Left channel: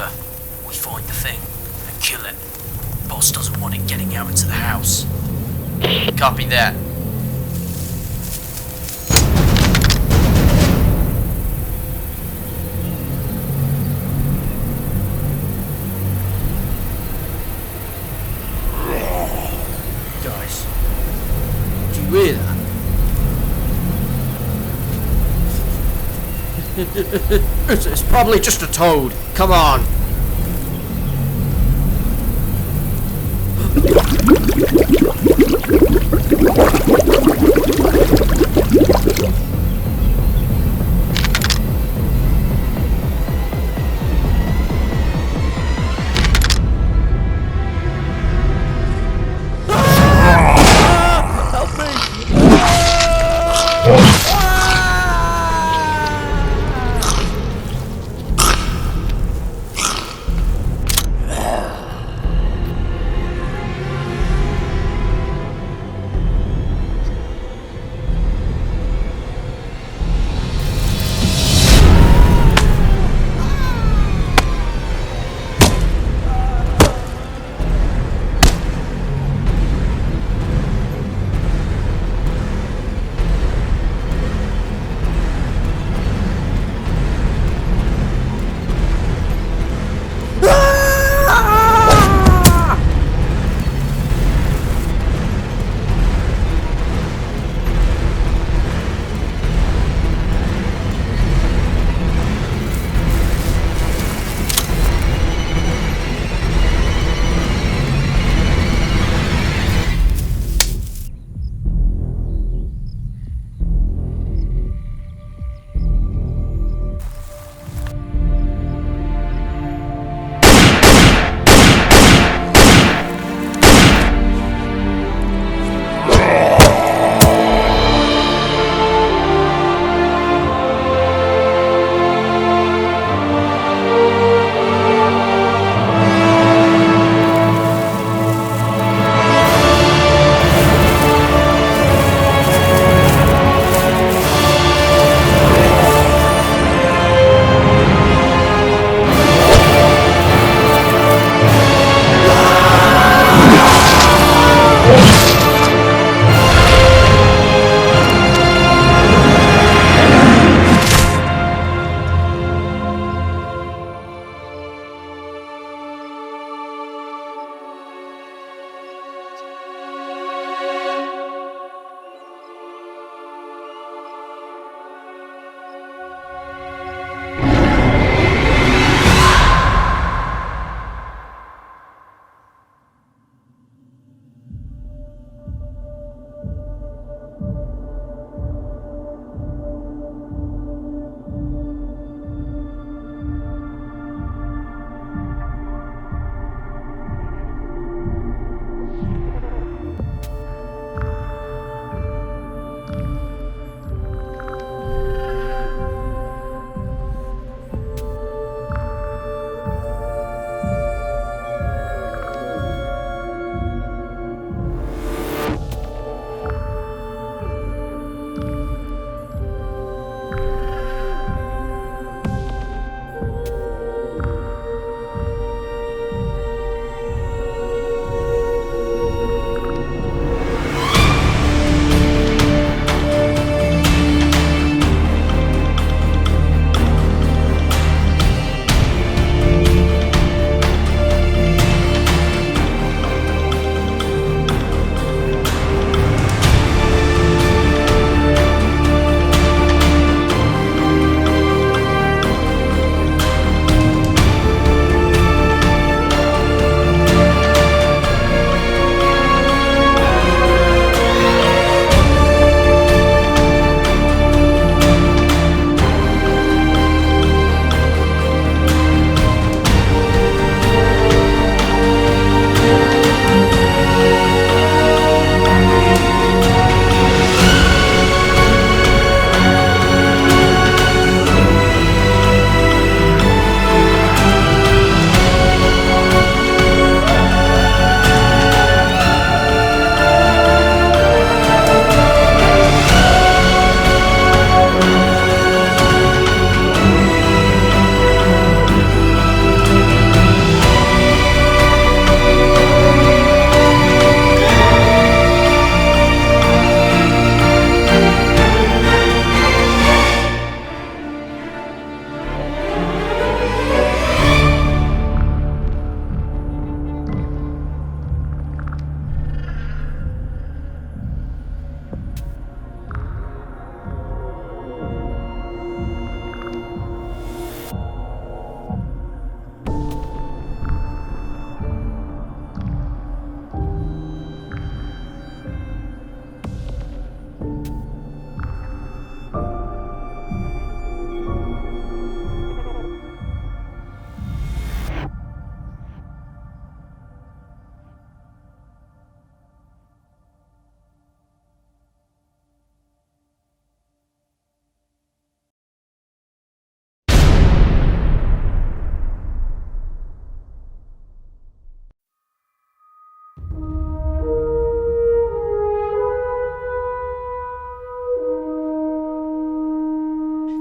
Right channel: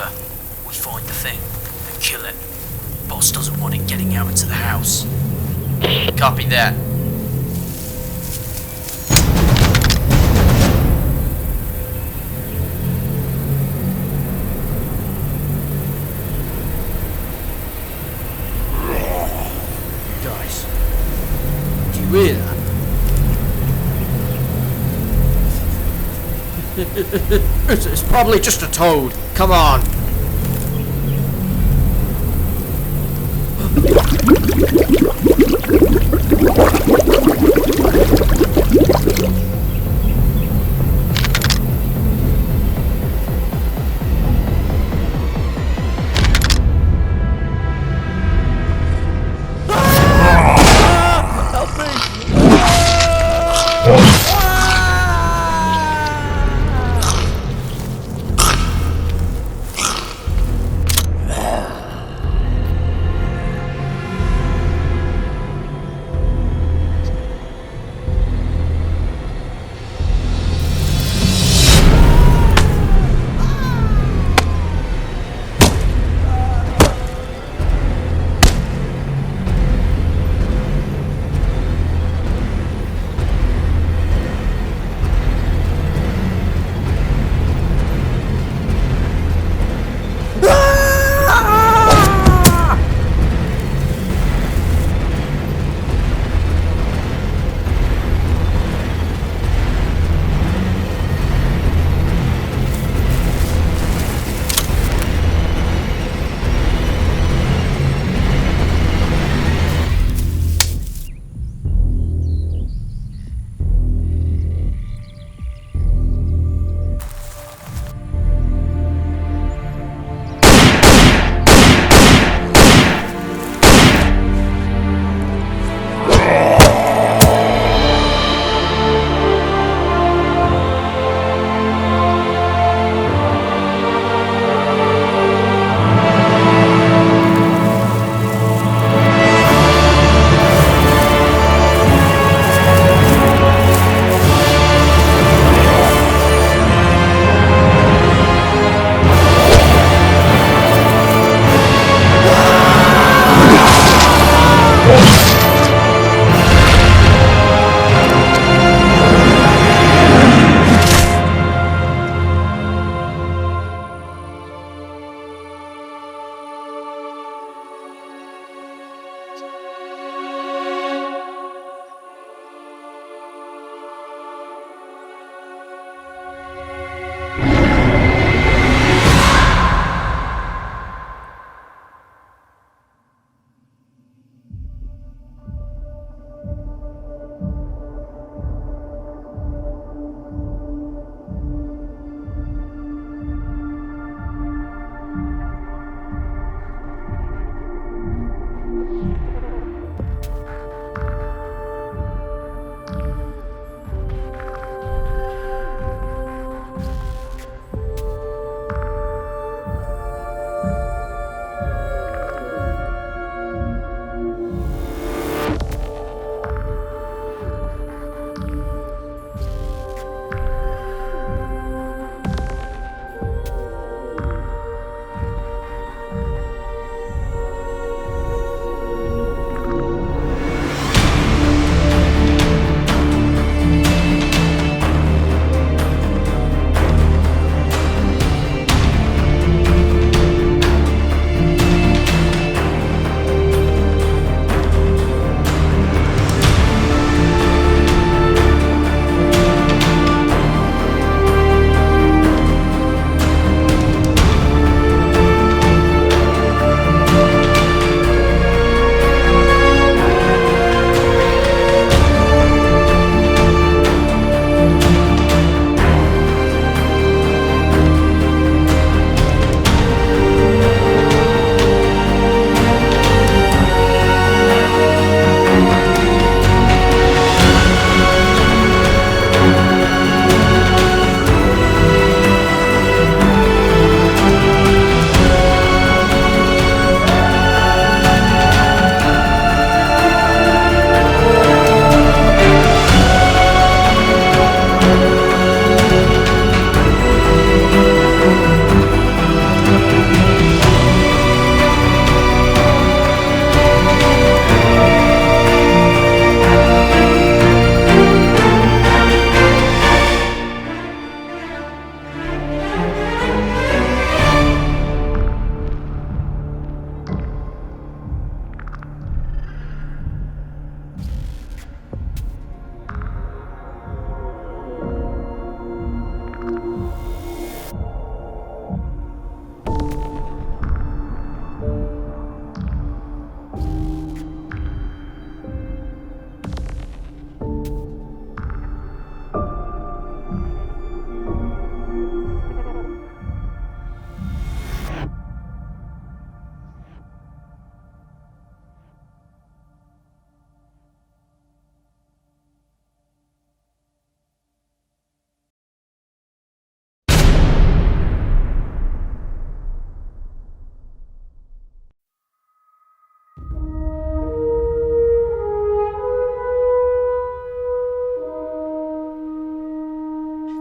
longer. We find the thing and kill it. Boss doesn't want it getting out into the house. Copy that. Guys, do you hear that? It's probably just a toad. Come on. Help me!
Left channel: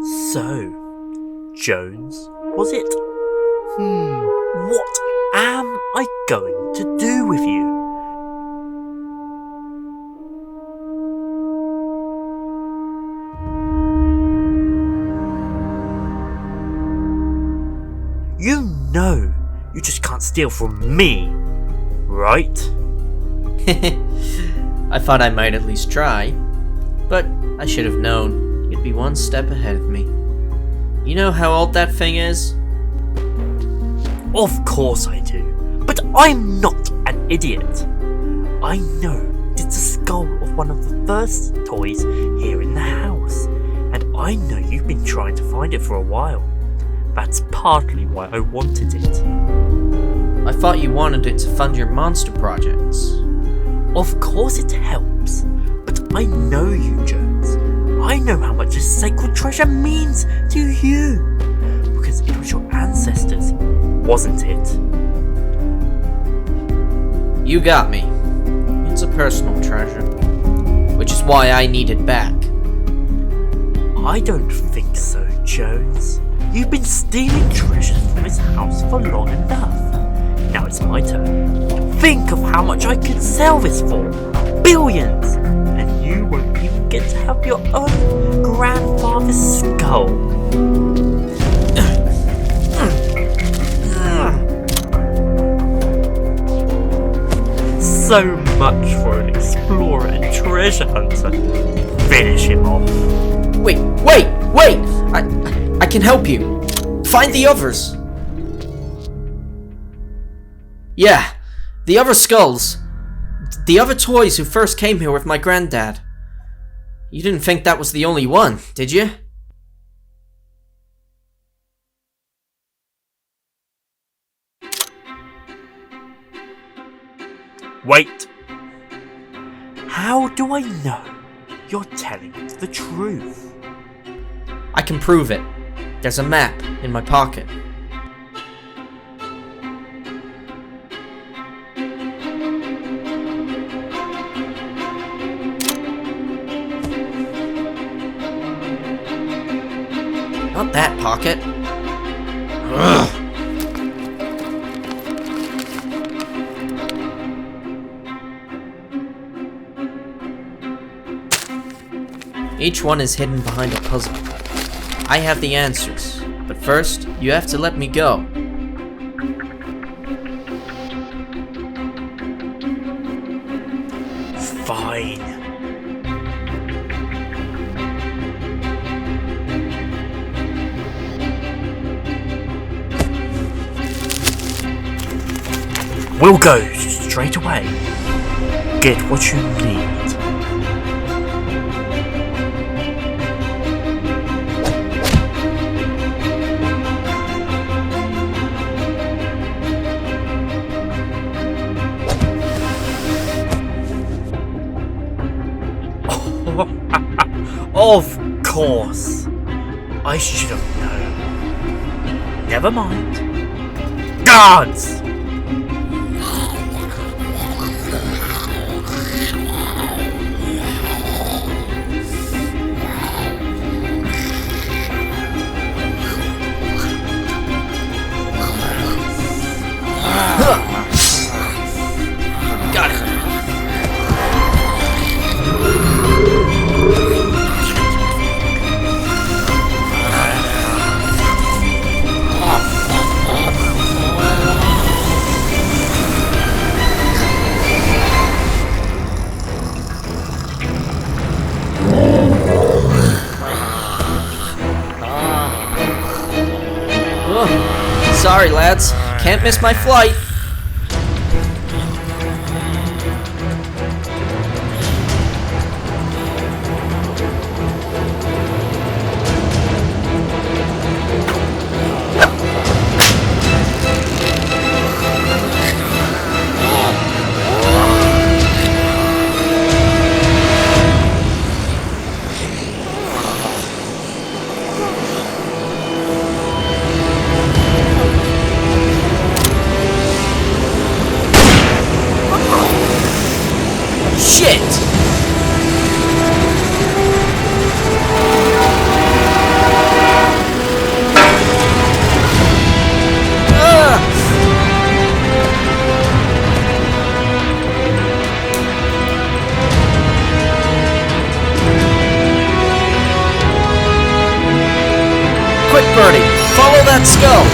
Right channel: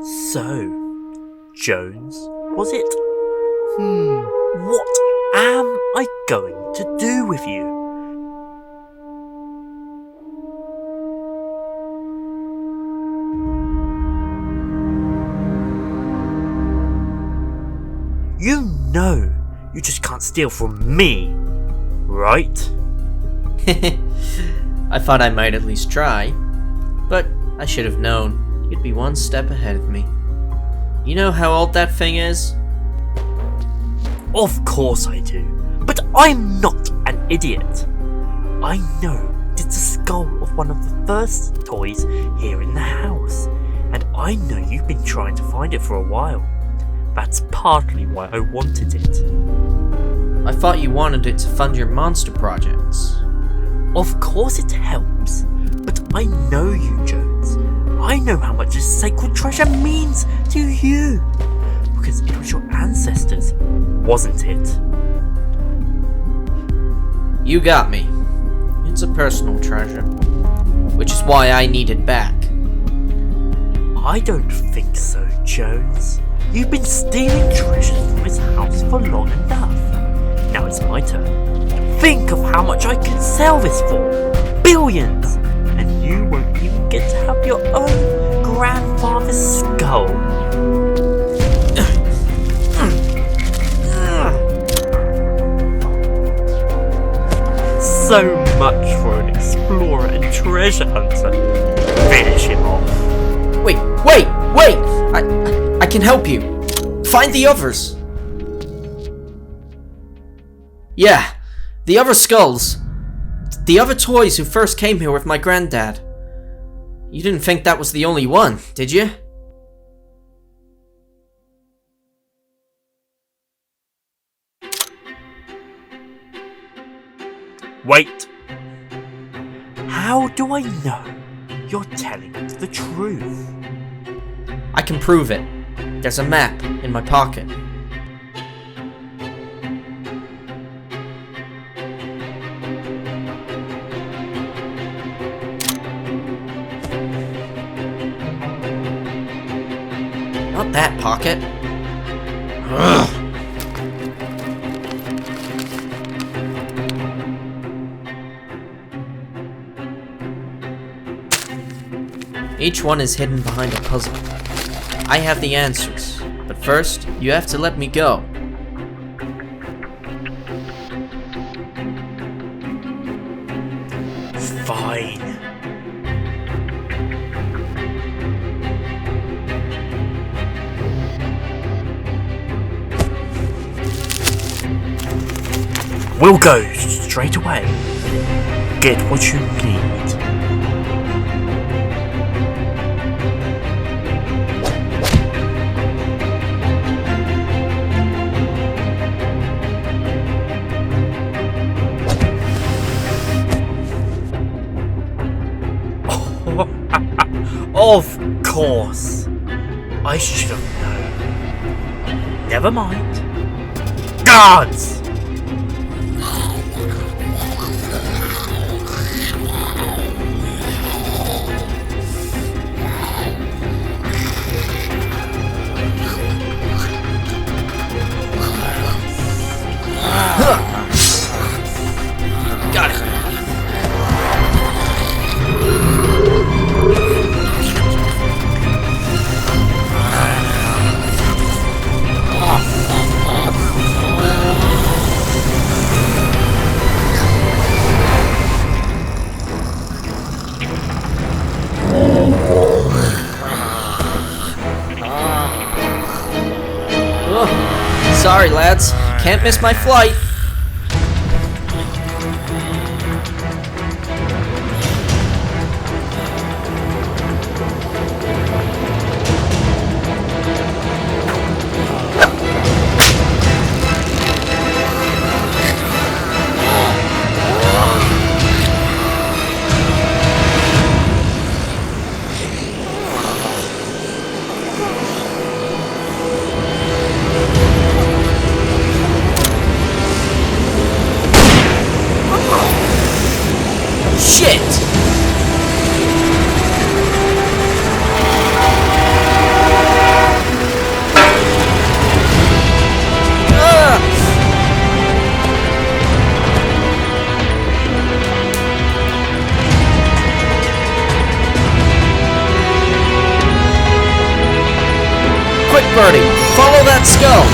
So, Jones, was it? What am I going to do with you? You know you just can't steal from me, right? I thought I might at least try, but I should have known you'd be one step ahead of me. You know how old that thing is? Of course I do, but I'm not an idiot. I know it's the skull of one of the first toys here in the house, and I know you've been trying to find it for a while. That's partly why I wanted it. I thought you wanted it to fund your monster projects. Of course it helps, but I know you, Jones. I know how much this sacred treasure means to you, because it was your ancestors, wasn't it? You got me. It's a personal treasure, which is why I need it back. I don't think so, Jones. You've been stealing treasures from this house for long enough. Now it's my turn. Think of how much I could sell this for. Billions! And you won't even get to have your own grandfather's skull. So much for an explorer and treasure hunter. Finish him off. Wait! I can help you. Find the others. Yeah, the other skulls. The other toys who first came here with my granddad. You didn't think that was the only one, did you? Wait. How do I know you're telling the truth? I can prove it. There's a map in my pocket. Not that pocket. Ugh. Each one is hidden behind a puzzle. I have the answers, but first, you have to let me go. Fine. We'll go straight away. Get what you need. Of course. I should have known. Never mind. Guards! Got it. Sorry, lads. Can't miss my flight. Shit! Birdie! Follow that skull!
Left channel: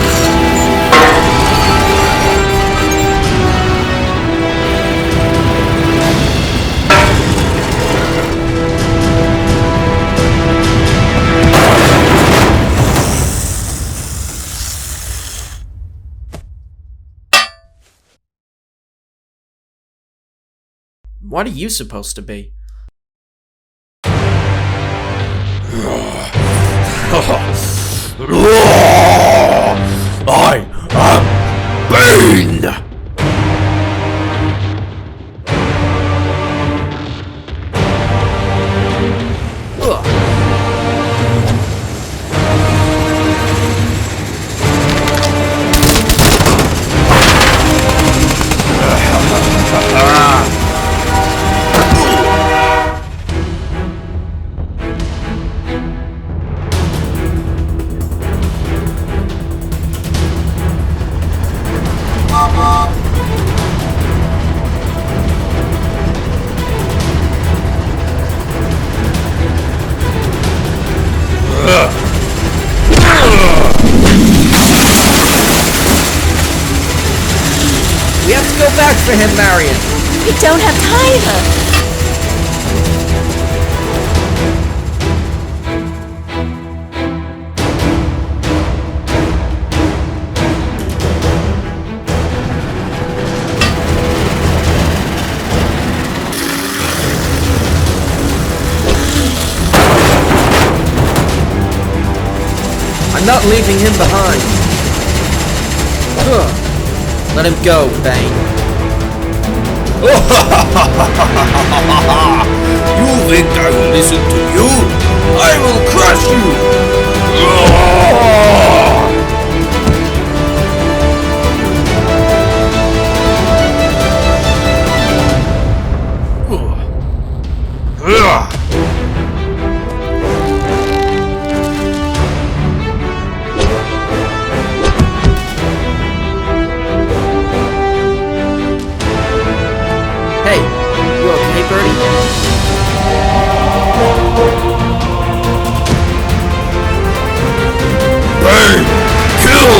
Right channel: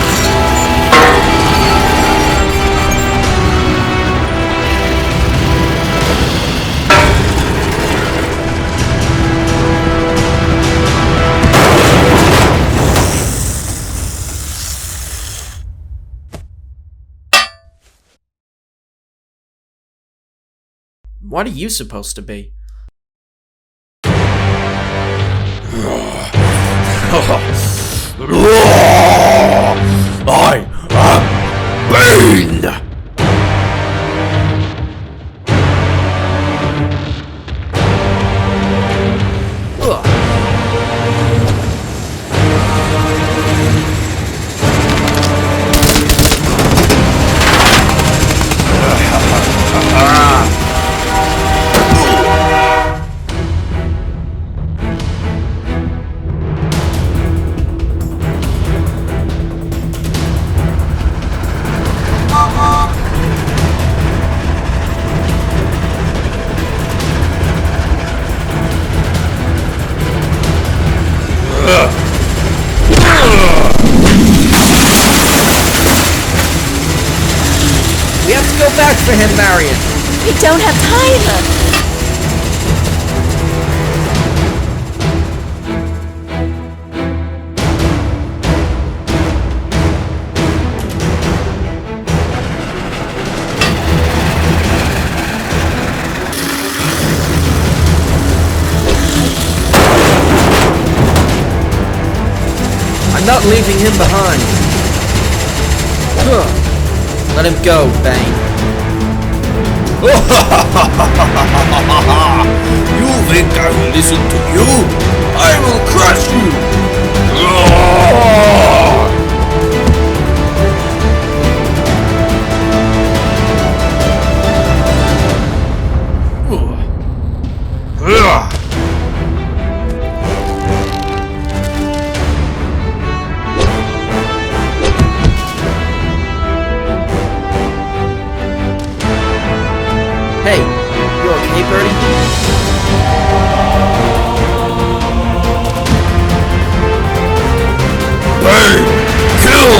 What are you supposed to be? I am Bane! We have to go back for him, Marion! We don't have time! I'm not leaving him behind. Let him go, Bane. You think I will listen to you? I will crush you! Hey, you okay, Birdie? Bane! Kill!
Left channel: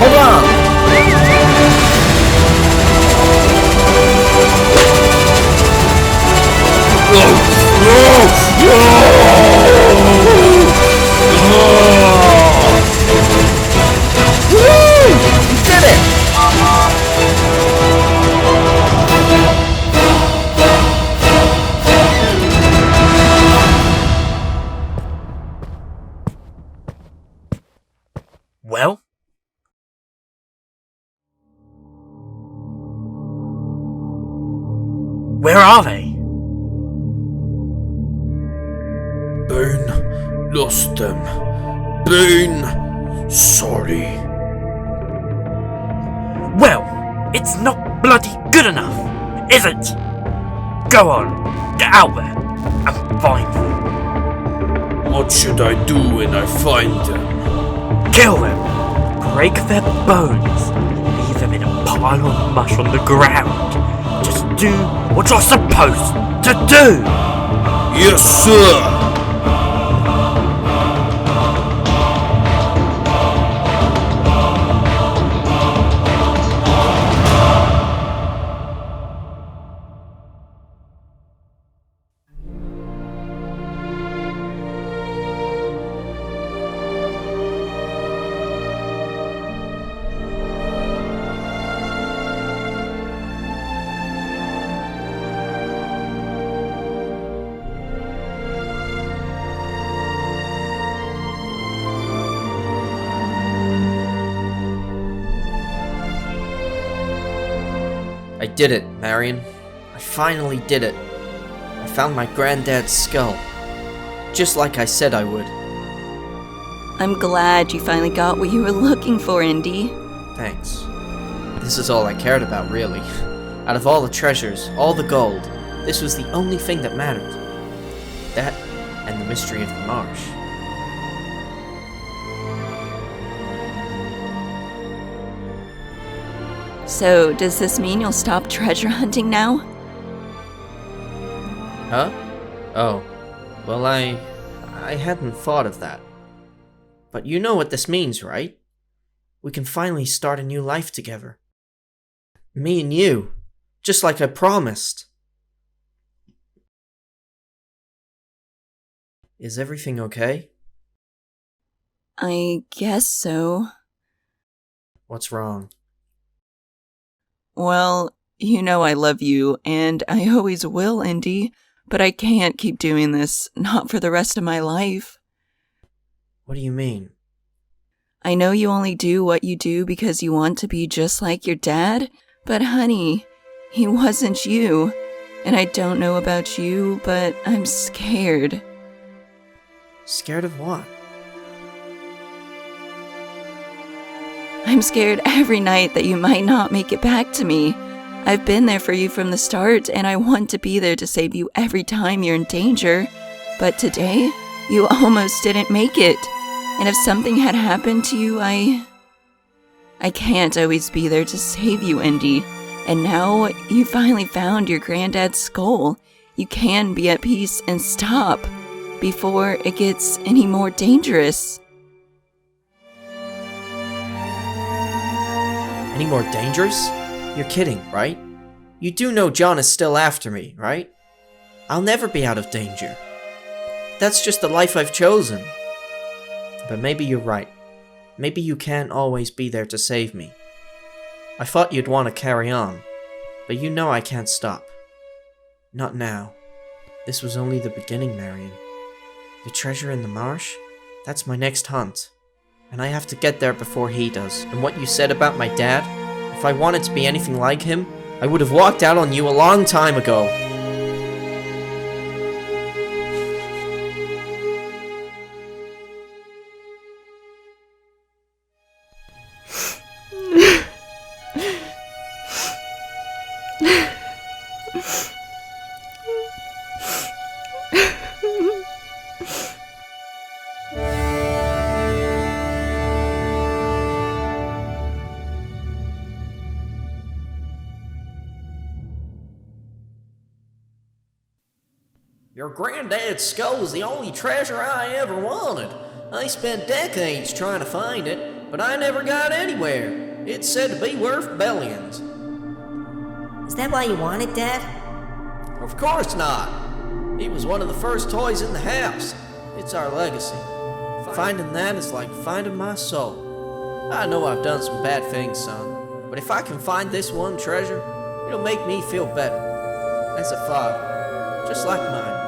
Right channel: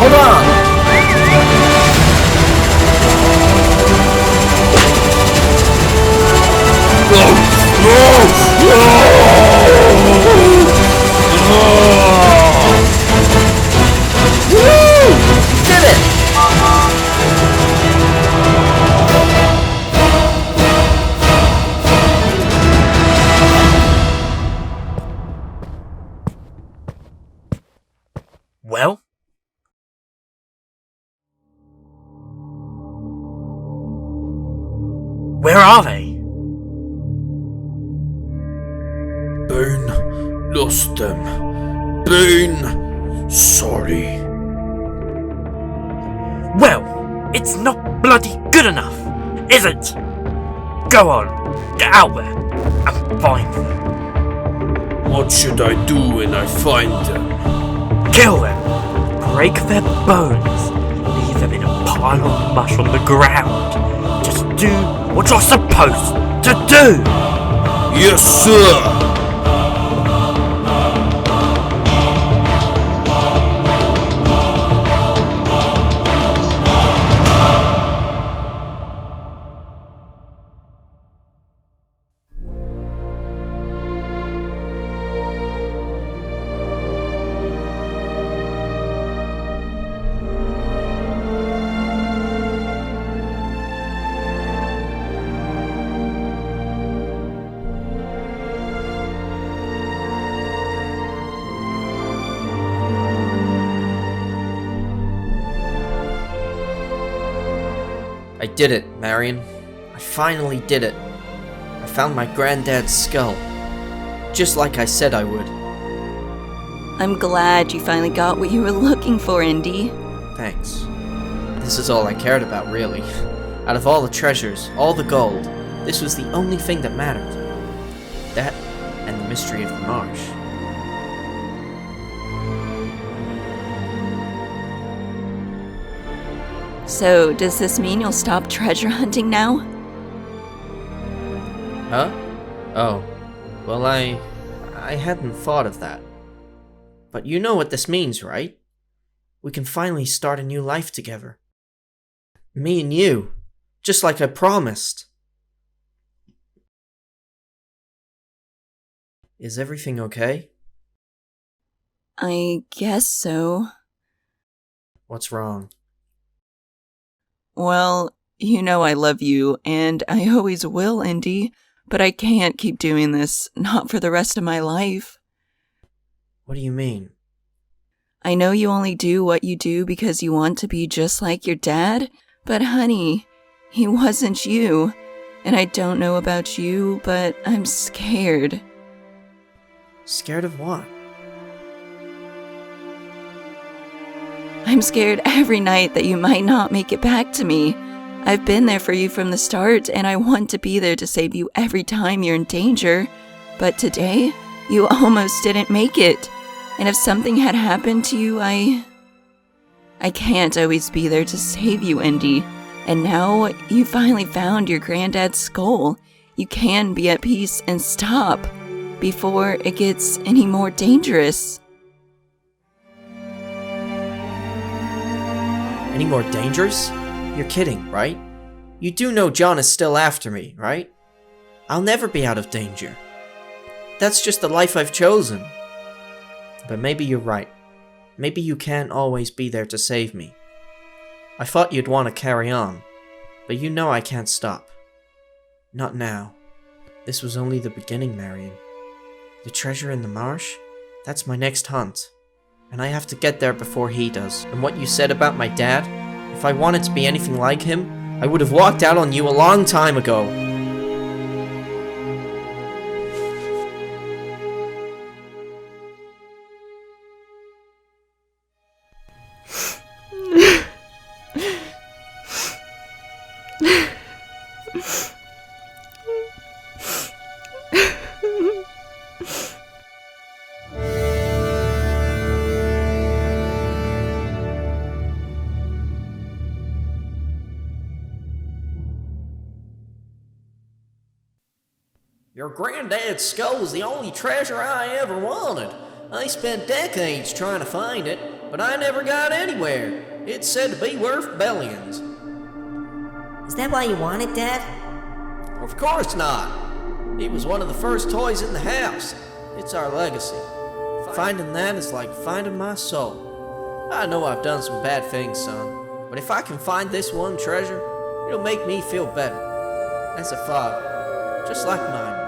Hold on! Woo! You did it! Well? Where are they? Bane lost them. Bane, sorry. Well, it's not bloody good enough, is it? Go on, get out there and find them. What should I do when I find them? Kill them, break their bones, leave them in a pile of mush on the ground. Just do what you're supposed to do. Yes, sir! I did it, Marion. I finally did it. I found my granddad's skull. Just like I said I would. I'm glad you finally got what you were looking for, Indy. Thanks. This is all I cared about, really. Out of all the treasures, all the gold, this was the only thing that mattered. That and the mystery of the marsh. So, does this mean you'll stop treasure hunting now? Huh? Oh. Well, I hadn't thought of that. But you know what this means, right? We can finally start a new life together. Me and you. Just like I promised. Is everything okay? I guess so. What's wrong? Well, you know I love you, and I always will, Indy, but I can't keep doing this, not for the rest of my life. What do you mean? I know you only do what you do because you want to be just like your dad, but honey, he wasn't you. And I don't know about you, but I'm scared. Scared of what? I'm scared every night that you might not make it back to me. I've been there for you from the start, and I want to be there to save you every time you're in danger. But today, you almost didn't make it. And if something had happened to you, I can't always be there to save you, Indy. And now you finally found your granddad's skull. You can be at peace and stop before it gets any more dangerous. Any more dangerous? You're kidding, right? You do know John is still after me, right? I'll never be out of danger. That's just the life I've chosen. But maybe you're right. Maybe you can't always be there to save me. I thought you'd want to carry on, but you know I can't stop. Not now. This was only the beginning, Marion. The treasure in the marsh? That's my next hunt. And I have to get there before he does. And what you said about my dad? If I wanted to be anything like him, I would have walked out on you a long time ago. Your granddad's skull was the only treasure I ever wanted. I spent decades trying to find it, but I never got anywhere. It's said to be worth billions. Is that why you want it, Dad? Of course not. It was one of the first toys in the house. It's our legacy. Finding that is like finding my soul. I know I've done some bad things, son, but if I can find this one treasure, it'll make me feel better. As a father, just like mine was.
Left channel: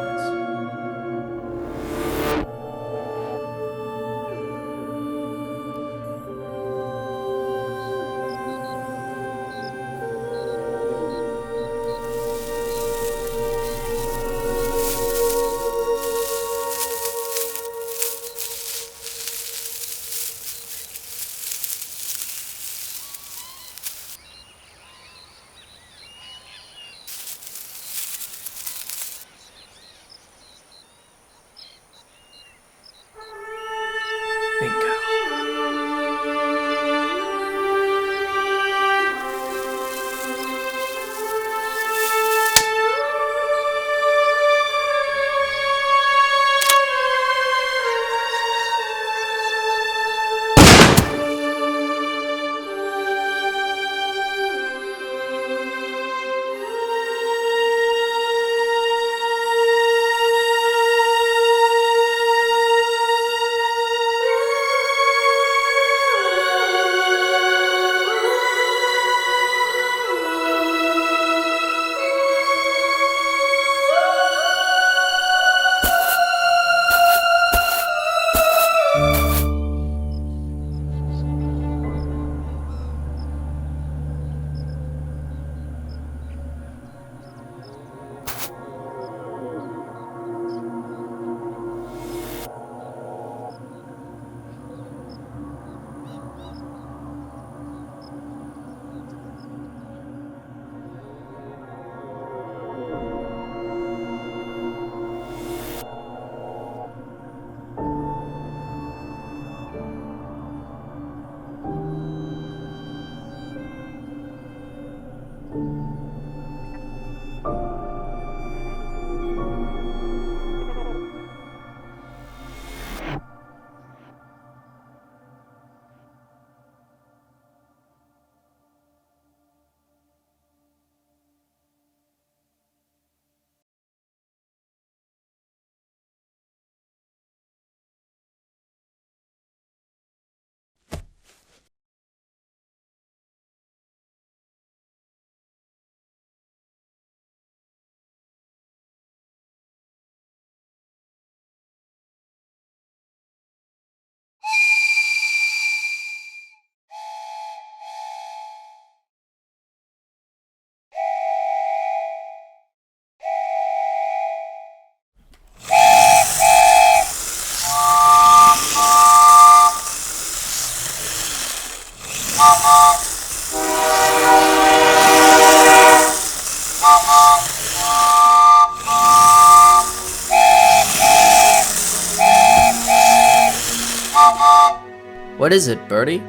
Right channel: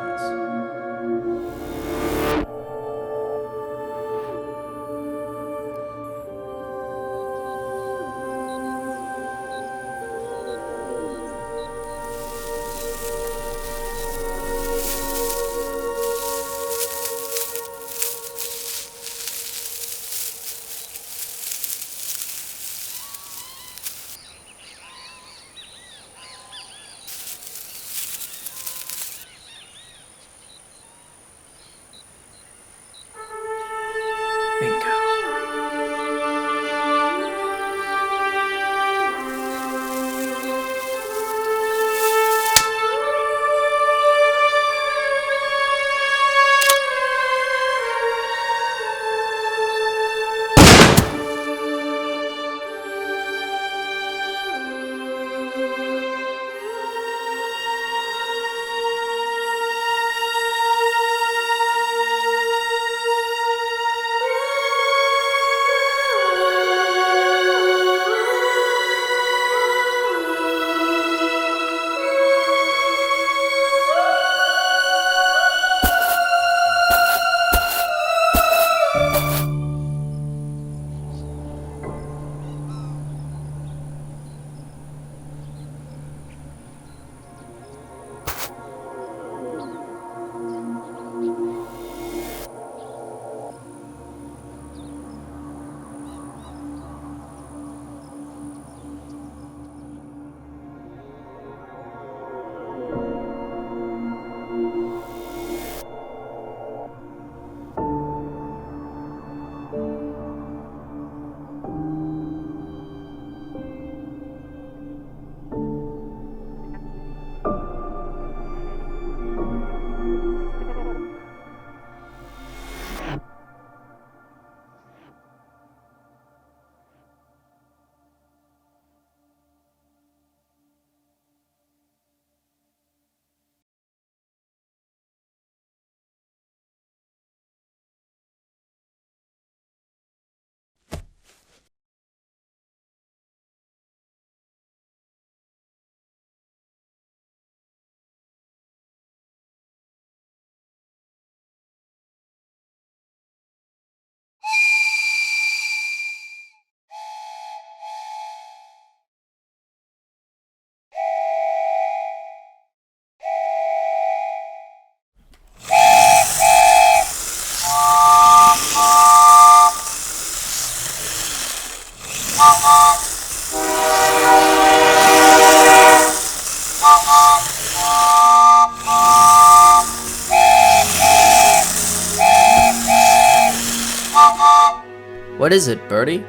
What is it, Bertie?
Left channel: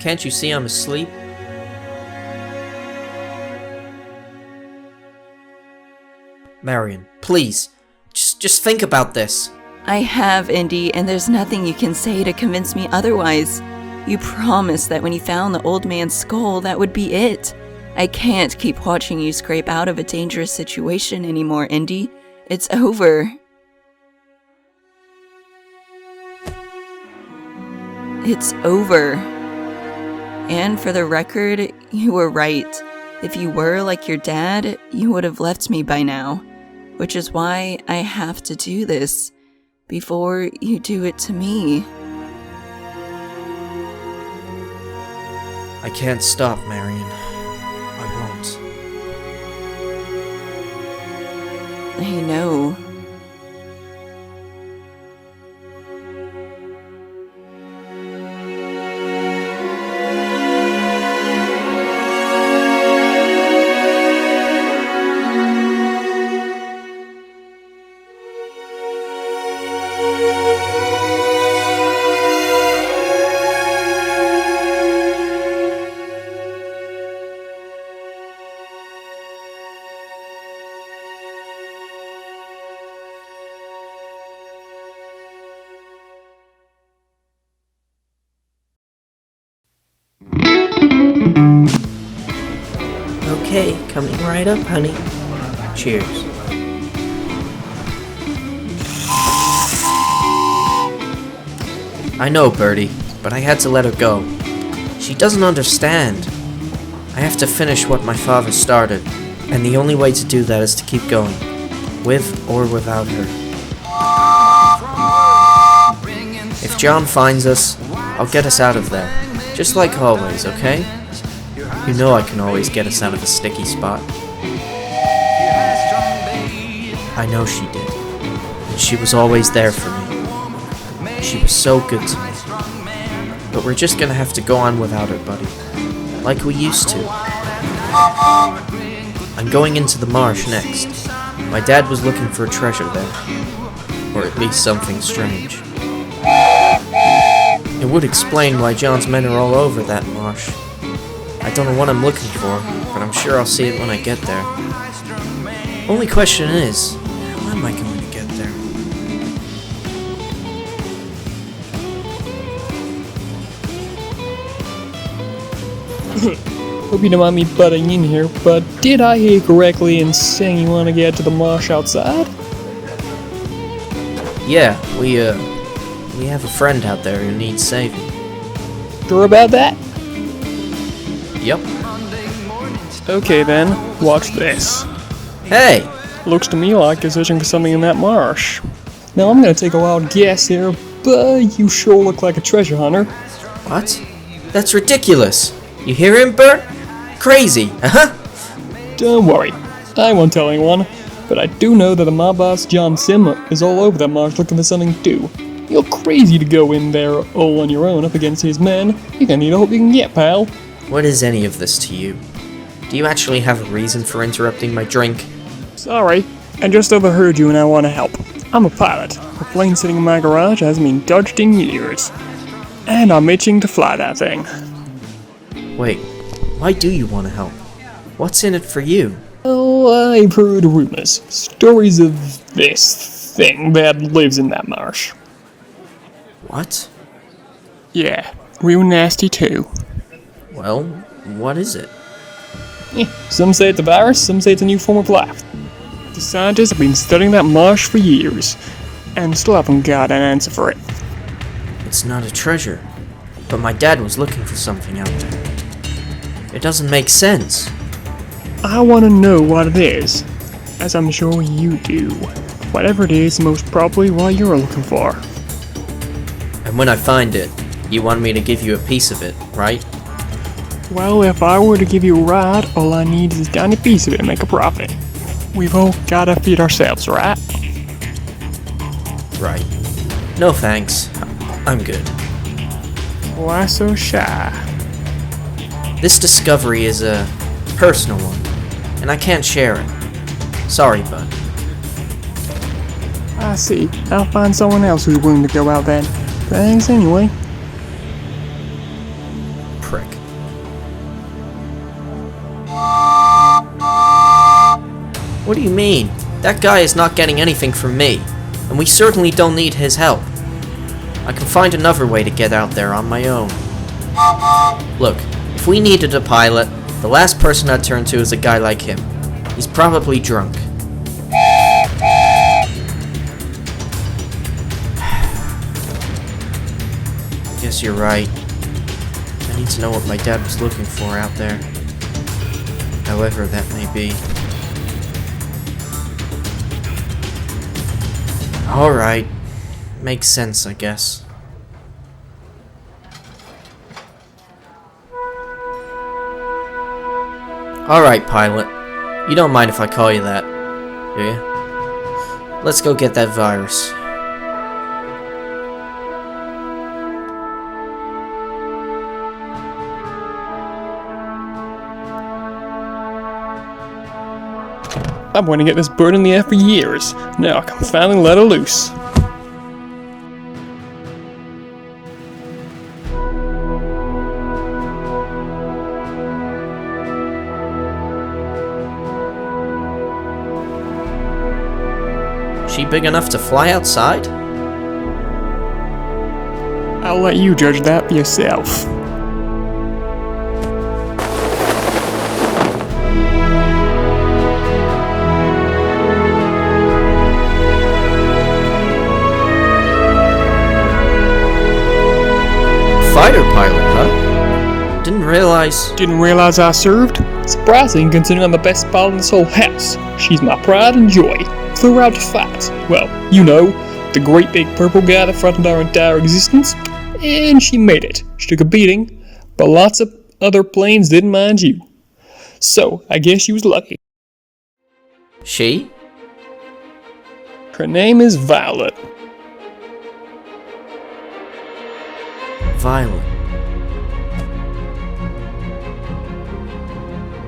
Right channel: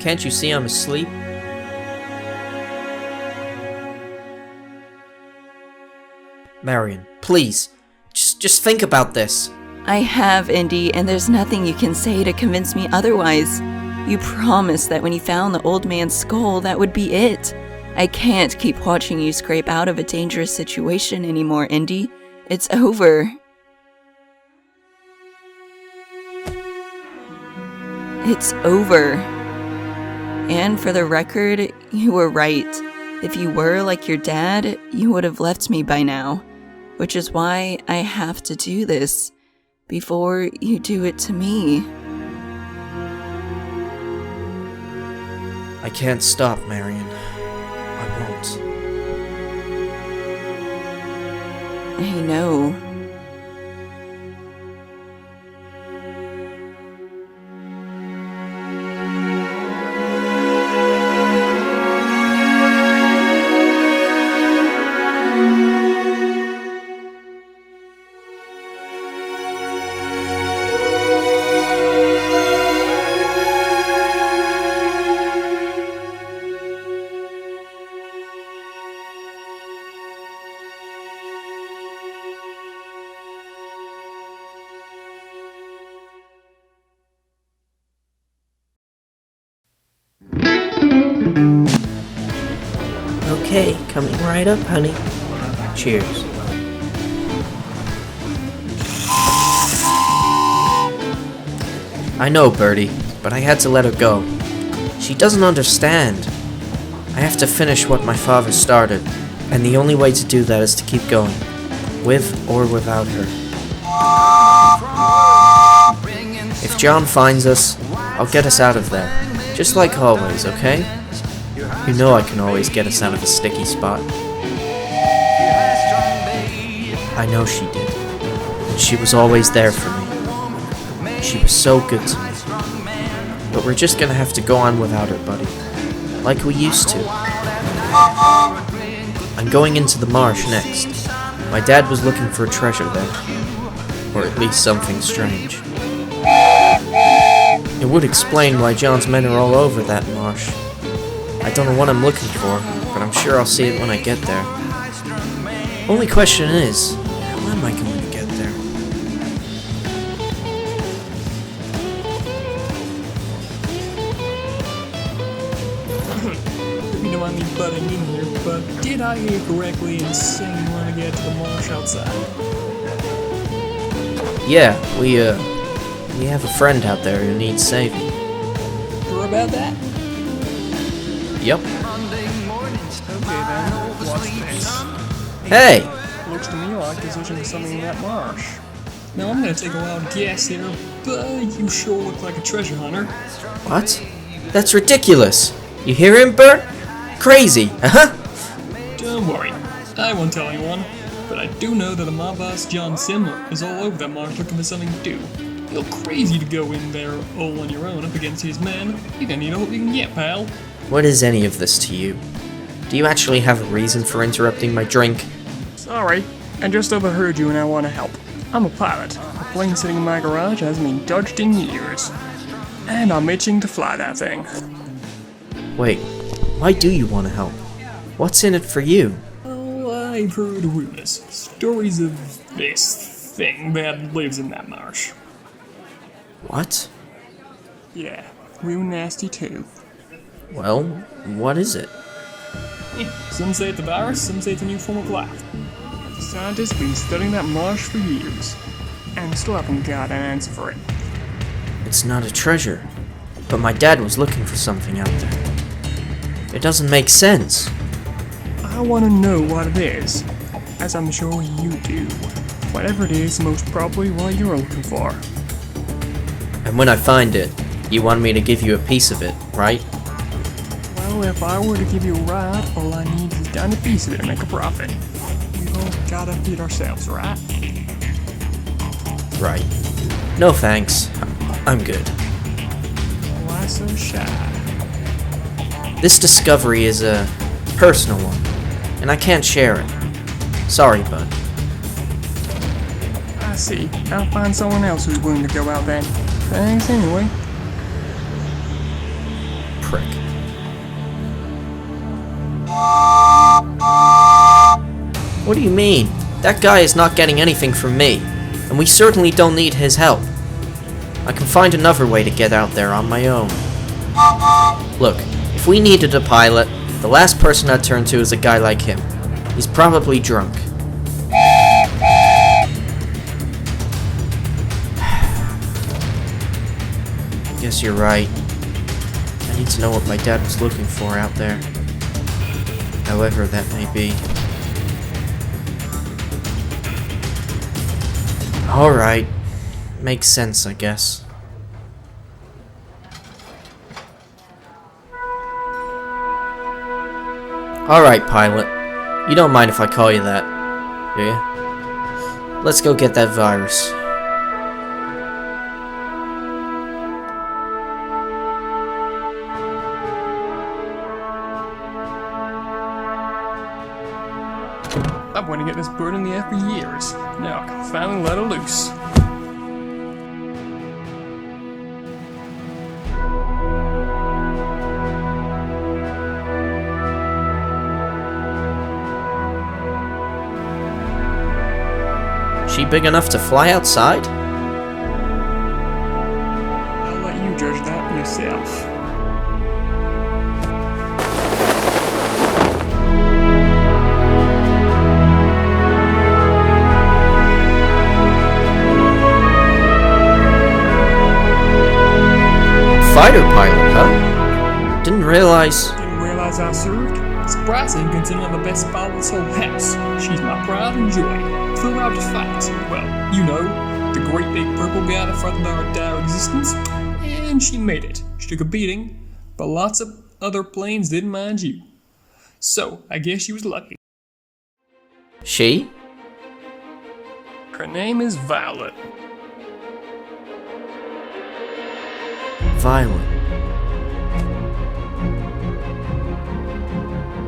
Can't you see I'm asleep? Marion, please, just think about this. I have, Indy, and there's nothing you can say to convince me otherwise. You promised that when you found the old man's skull, that would be it. I can't keep watching you scrape out of a dangerous situation anymore, Indy. It's over. It's over. And for the record, you were right. If you were like your dad, you would have left me by now. Which is why I have to do this before you do it to me. I can't stop, Marion. I won't. I know. Okay, coming right up, honey. Cheers. I know, Bertie, but I had to let her go. She doesn't understand. I have to finish what my father started, and the only way to do that is to keep going, with or without her. If John finds us, I'll get us out of there, just like always, okay? You know I can always get us out of a sticky spot. I know she did, and she was always there for me. She was so good to me. But we're just gonna have to go on without her, buddy. Like we used to. I'm going into the marsh next. My dad was looking for a treasure there. Or at least something strange. It would explain why John's men are all over that marsh. I don't know what I'm looking for, but I'm sure I'll see it when I get there. Only question is, how am I going to get there? Hope you don't mind me butting in here, but did I hear correctly in saying you want to get to the marsh outside? Yeah, we have a friend out there who needs saving. Sure about that? Yep. Okay then, watch this. Hey! Looks to me like you're searching for something in that marsh. Now I'm gonna take a wild guess here, but you sure look like a treasure hunter. What? That's ridiculous! You hear him, Bert? Crazy, uh-huh! Don't worry, I won't tell anyone, but I do know that the mob boss John Simmer is all over that marsh looking for something to do. You're crazy to go in there all on your own up against his men. You're gonna need all you can get, pal. What is any of this to you? Do you actually have a reason for interrupting my drink? Sorry, I just overheard you and I want to help. I'm a pilot. The plane sitting in my garage hasn't been touched in years. And I'm itching to fly that thing. Wait, why do you want to help? What's in it for you? Oh, I've heard rumors. Stories of this thing that lives in that marsh. What? Yeah, real nasty too. Well, what is it? Some say it's a virus, some say it's a new form of life. The scientists have been studying that marsh for years, and still haven't got an answer for it. It's not a treasure, but my dad was looking for something out there. It doesn't make sense. I want to know what it is, as I'm sure you do. Whatever it is, most probably what you're looking for. And when I find it, you want me to give you a piece of it, right? Well, if I were to give you a ride, all I need is a tiny piece of it to make a profit. We've all gotta feed ourselves, right? Right. No thanks. I'm good. Why so shy? This discovery is a personal one, and I can't share it. Sorry, bud. I see. I'll find someone else who's willing to go out then. Thanks anyway. What do you mean? That guy is not getting anything from me, and we certainly don't need his help. I can find another way to get out there on my own. Look, if we needed a pilot, the last person I'd turn to is a guy like him. He's probably drunk. I guess you're right. I need to know what my dad was looking for out there. However that may be. Alright. Makes sense, I guess. Alright, pilot. You don't mind if I call you that, do you? Let's go get that virus. I've wanted to get this bird in the air for years. Now I can finally let her loose. She big enough to fly outside? I'll let you judge that for yourself. Fighter pilot, huh? Didn't realize... Didn't realize I served? Surprising considering I'm the best pilot in this whole house. She's my pride and joy. Flew out to fight. Well, you know, the great big purple guy that threatened our entire existence. And she made it. She took a beating, but lots of other planes didn't mind you. So, I guess she was lucky. She? Her name is Violet. Violet.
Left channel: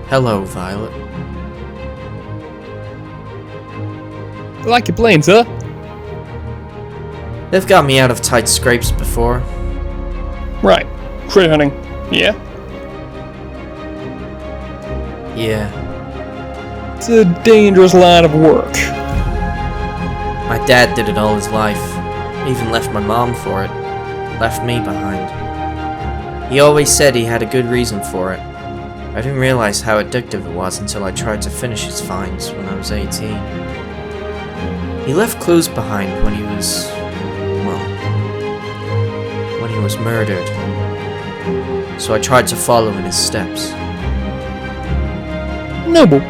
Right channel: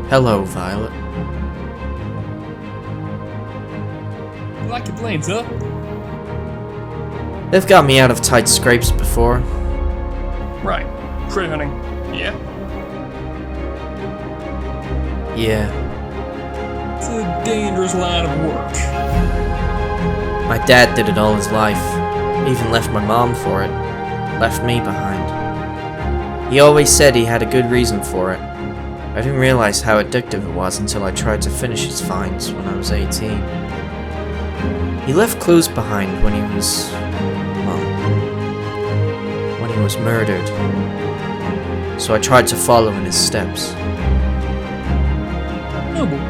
Hello, Violet. Like your planes, huh? They've got me out of tight scrapes before. Right. Critter hunting. Yeah? Yeah. It's a dangerous line of work. My dad did it all his life. Even left my mom for it. Left me behind. He always said he had a good reason for it. I didn't realize how addictive it was until I tried to finish his finds when I was 18. He left clues behind when he was... well... when he was murdered. So I tried to follow in his steps. Noble.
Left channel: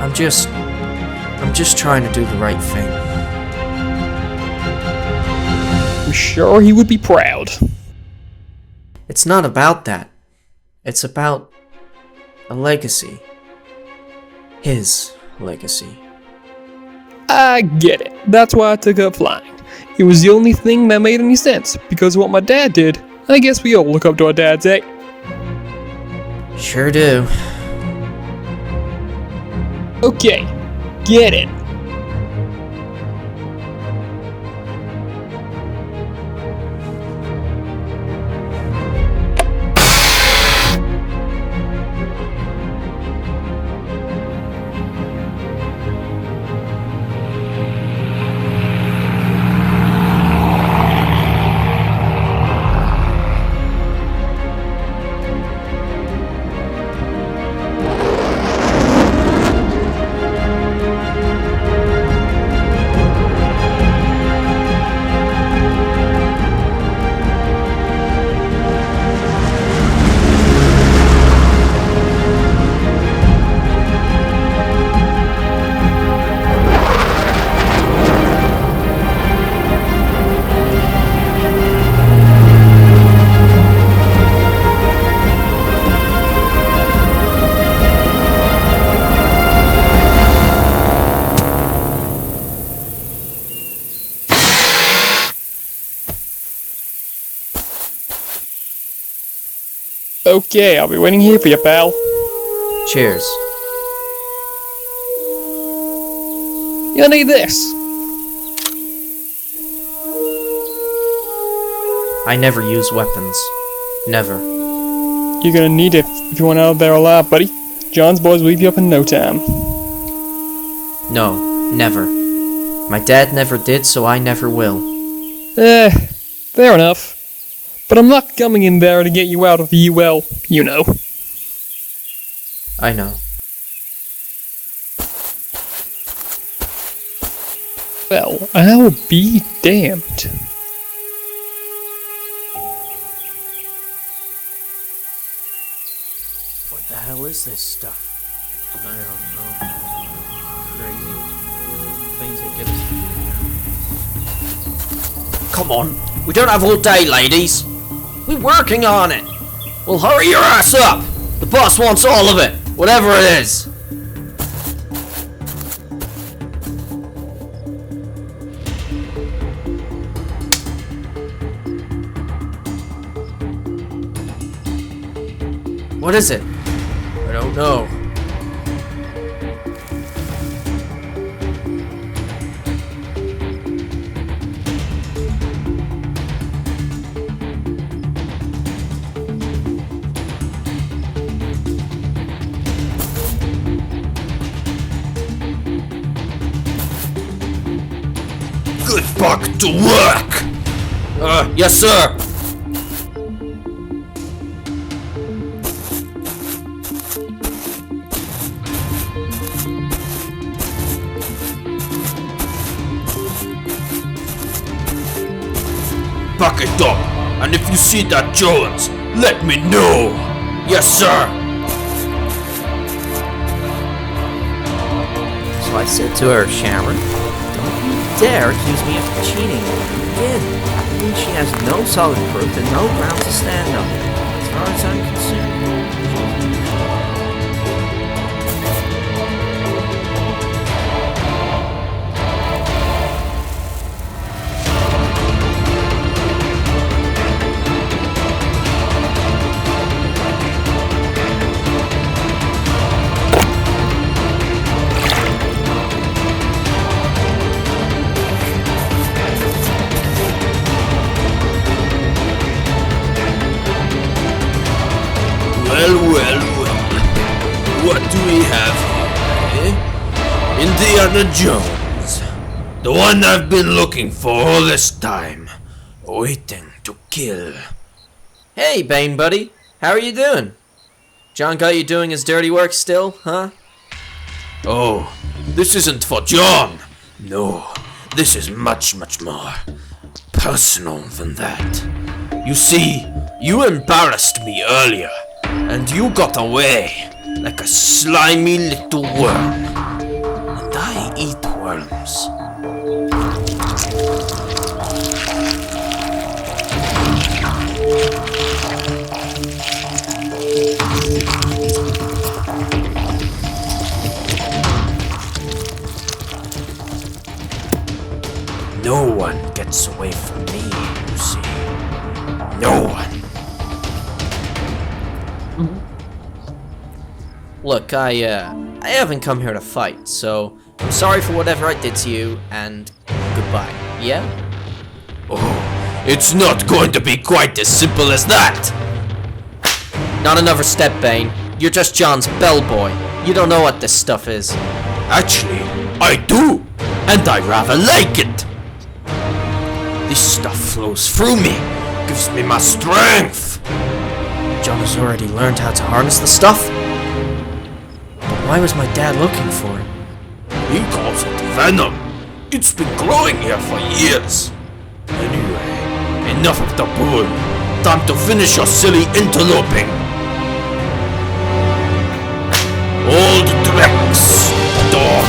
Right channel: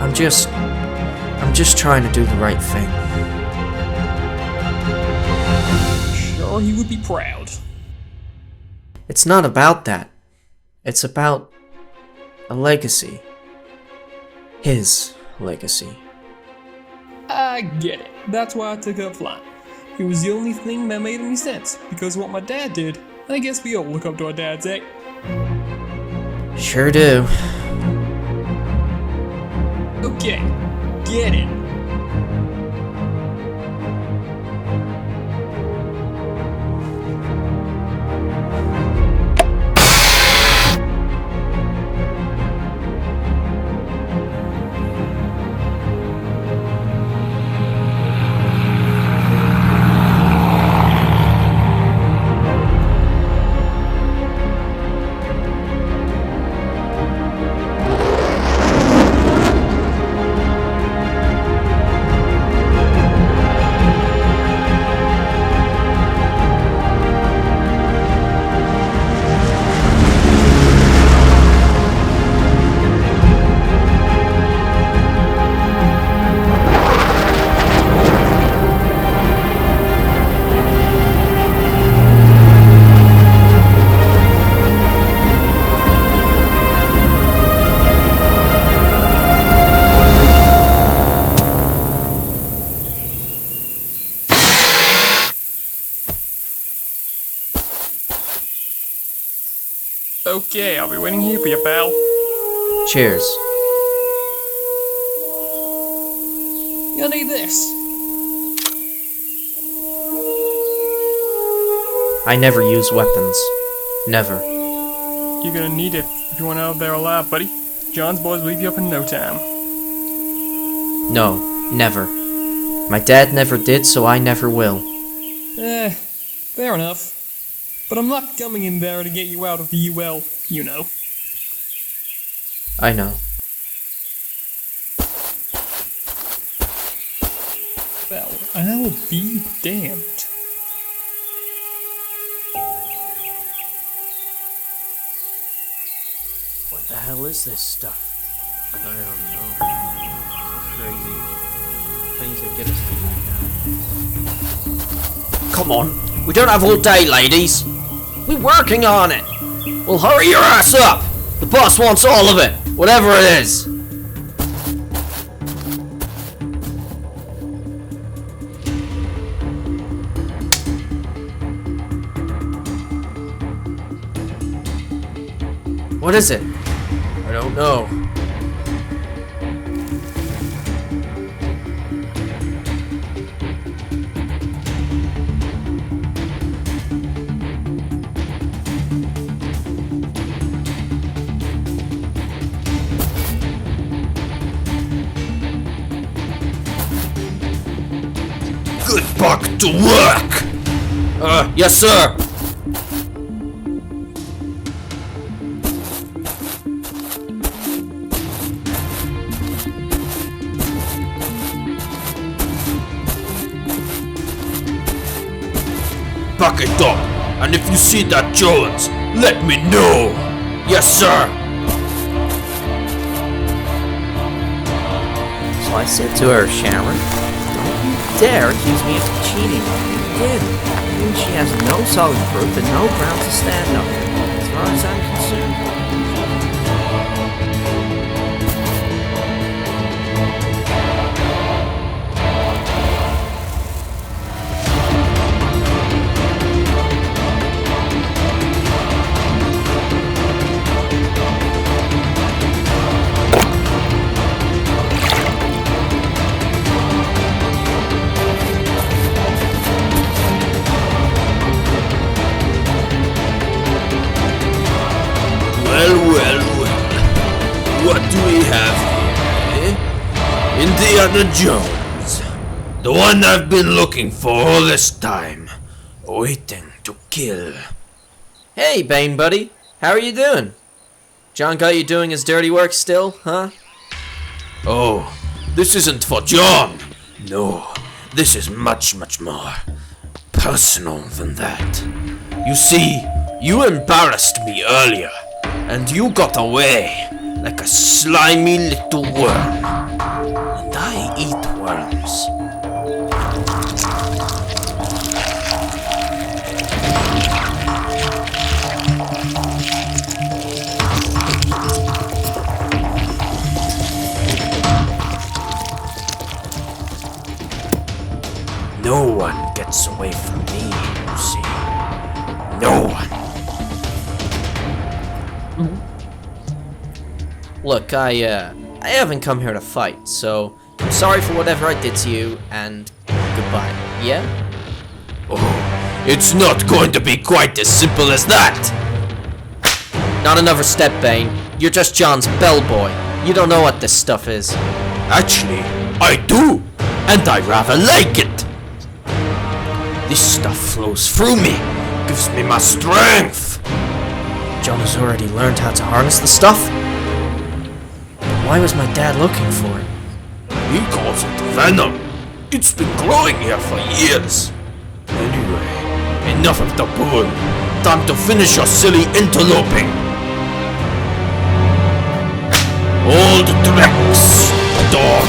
I'm just trying to do the right thing. I'm sure he would be proud. It's not about that. It's about a legacy. His legacy. I get it. That's why I took up flying. It was the only thing that made any sense, because of what my dad did. I guess we all look up to our dads, eh? Sure do. Okay, get in. Okay, I'll be waiting here for you, pal. Cheers. You'll need this. I never use weapons. Never. You're gonna need it if you want out of there alive, buddy. John's boys will leave you up in no time. No, never. My dad never did, so I never will. Fair enough. But I'm not coming in there to get you out of the UL, you know. I know. Well, I'll be damned. What the hell is this stuff? I don't know. Crazy. Things that get us down. Come on, we don't have all day, ladies. We're working on it. Well, hurry your ass up. The boss wants all of it, whatever it is. What is it? I don't know. Get back to work! Yes, sir! Back it up, and if you see that Jones, let me know! Yes, sir! So I said to her, Sharon, don't you dare accuse me of cheating on you again. I mean, she has no solid proof and no ground to stand on, as far as I'm concerned. Well, what do we have here, eh? Indiana Jones. The one I've been looking for all this time. Waiting to kill. Hey, Bane buddy. How are you doing? John got you doing his dirty work still, huh? Oh, this isn't for John. No, this is much, much more personal than that. You see, you embarrassed me earlier, and you got away like a slimy little worm. And I eat worms. No one gets away from me, you see. No one. Look, I haven't come here to fight, so I'm sorry for whatever I did to you, and goodbye, yeah? Oh, it's not going to be quite as simple as that! Not another step, Bane. You're just John's bellboy. You don't know what this stuff is. Actually, I do, and I rather like it. This stuff flows through me, gives me my strength. John has already learned how to harness the stuff? But why was my dad looking for it? He calls it venom. It's been growing here for years. Anyway, enough of the bull. Time to finish your silly interloping. Old Drex, dog.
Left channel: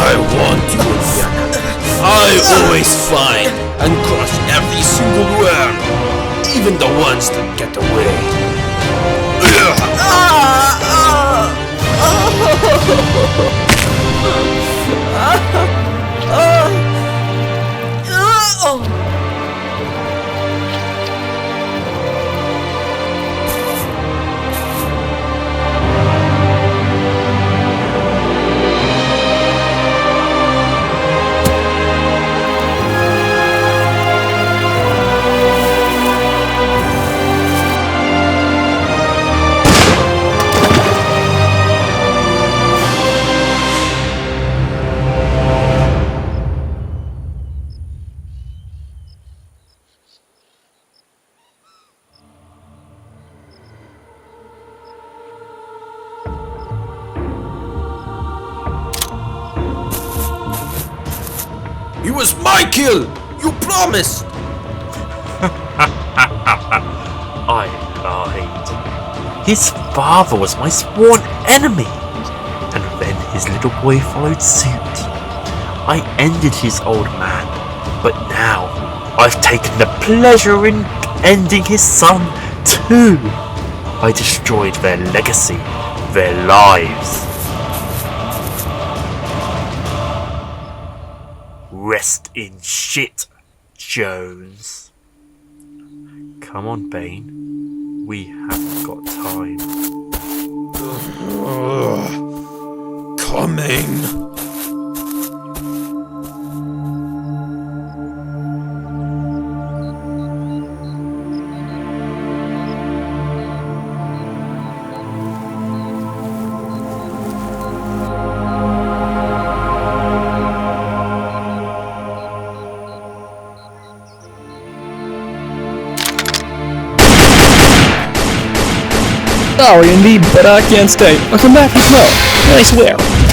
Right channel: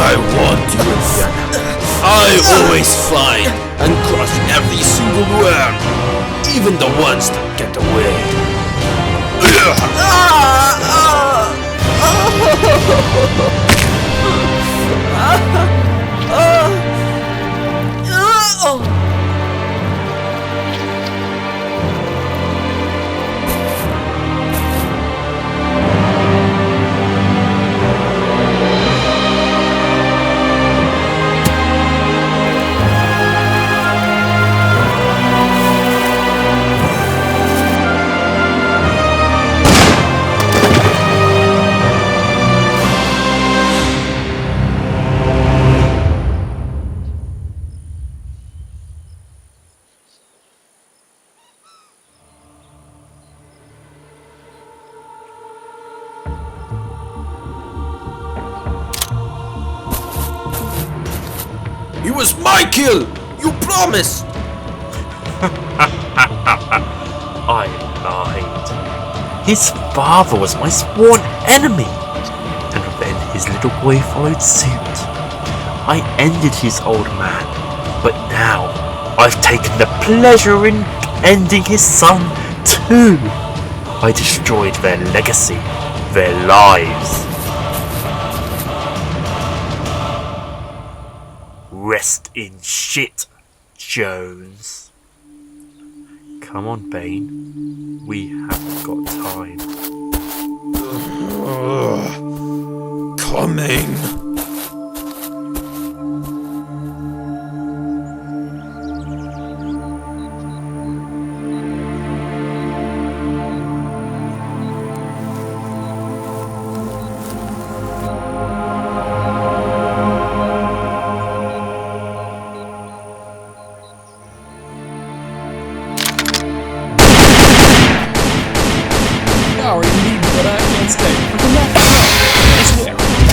I want you, Indiana. I always find and crush every single worm, even the ones that get away. It was my kill! You promised! I lied. His father was my sworn enemy. And then his little boy followed suit. I ended his old man, but now I've taken the pleasure in ending his son too. I destroyed their legacy, their lives. Rest in shit, Jones. Come on, Bane. We haven't got time. Coming. Sorry indeed, but I can't stay. I'll come back as well. I swear.